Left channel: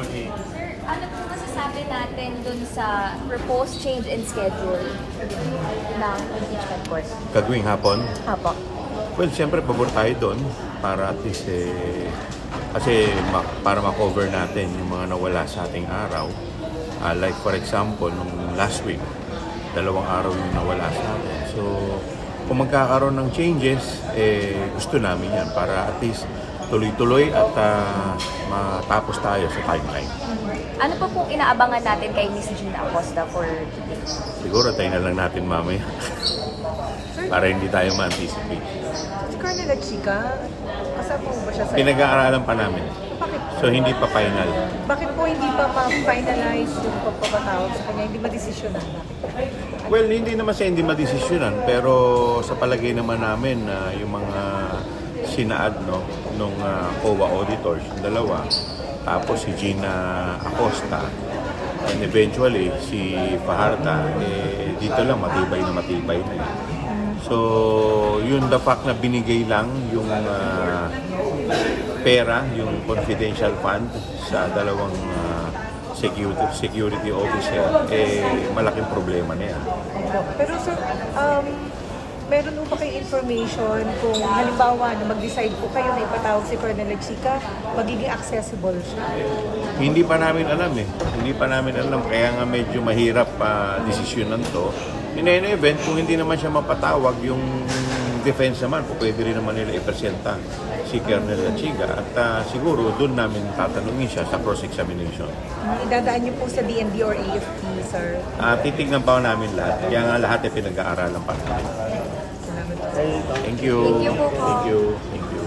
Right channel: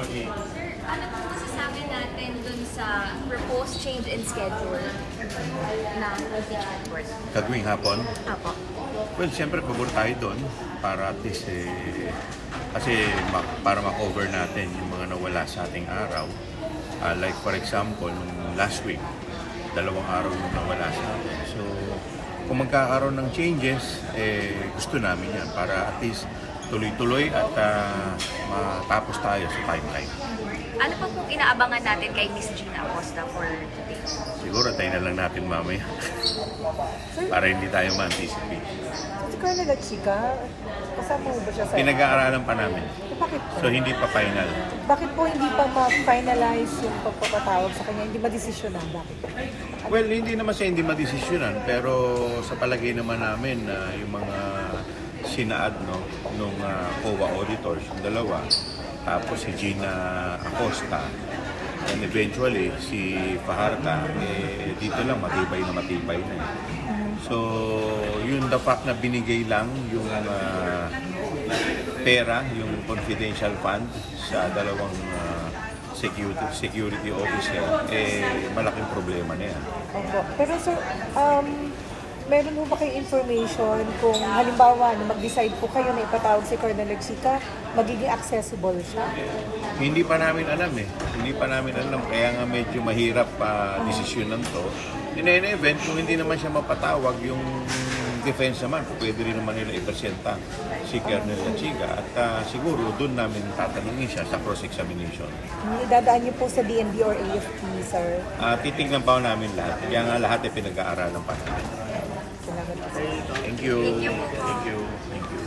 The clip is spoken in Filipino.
Sir, ano po masasabi natin dun sa proposed change in schedule ng impeachment course? Gagawing hapon. Apo. Well, siyempre pabor tayo doon para at least kasi para ma-cover natin yung mga nawala sa ating araw. Like for example, nung last week, 2 araw yung nawala sa atin. So, kung magkakaroon ng changes, gusto namin yan para at least tuloy-tuloy at matapos tayo sa timeline. Ano pa pong inaabangan natin kay Miss Gina Acosta for today? Siguro tayo na lang natin mamaya para hindi tayo ma-anticipate. Si Colonel Chica, kasama po ba siya sa... Pinag-aaralan pa namin. Bakit, So, hindi pa final. bakit po hindi pa ma-finalize yung pagpapatawag sa kanya? Hindi ba desisyonan? Bakit? Well, hindi naman siya hindi madesisyonan, pero sa palagay naman namin na yung mga sinaad nung COA auditors, yung dalawa, tapos si Gina Acosta, and eventually si Fajardo, dito lang matibay na eh. So, yun the fact na binigay lang yung pera, yung confidential fund sa dalawang security officer, malaking problema na yan. Pero sir, meron po ba kayong information kung halimbawa na mag-decide po kayo na ipatawag si Colonel Chica, magiging accessible siya? Hindi pa namin alam Hindi pa namin alam. Kaya nga medyo mahirap desisyonan to. In any event, kung hindi naman siya mapatawag, yung defense naman, pwede rin naman nila ipresenta si Colonel Lachiga. At siguro doon namin tatanungin siya sa cross-examination. Idadaan niyo po sa DND or AFP, sir? Titignan pa namin lahat. Kaya nga lahat ay pinag-aaralan pa namin. Salamat po. Thank you. Thank you po. Thank you. Thank you.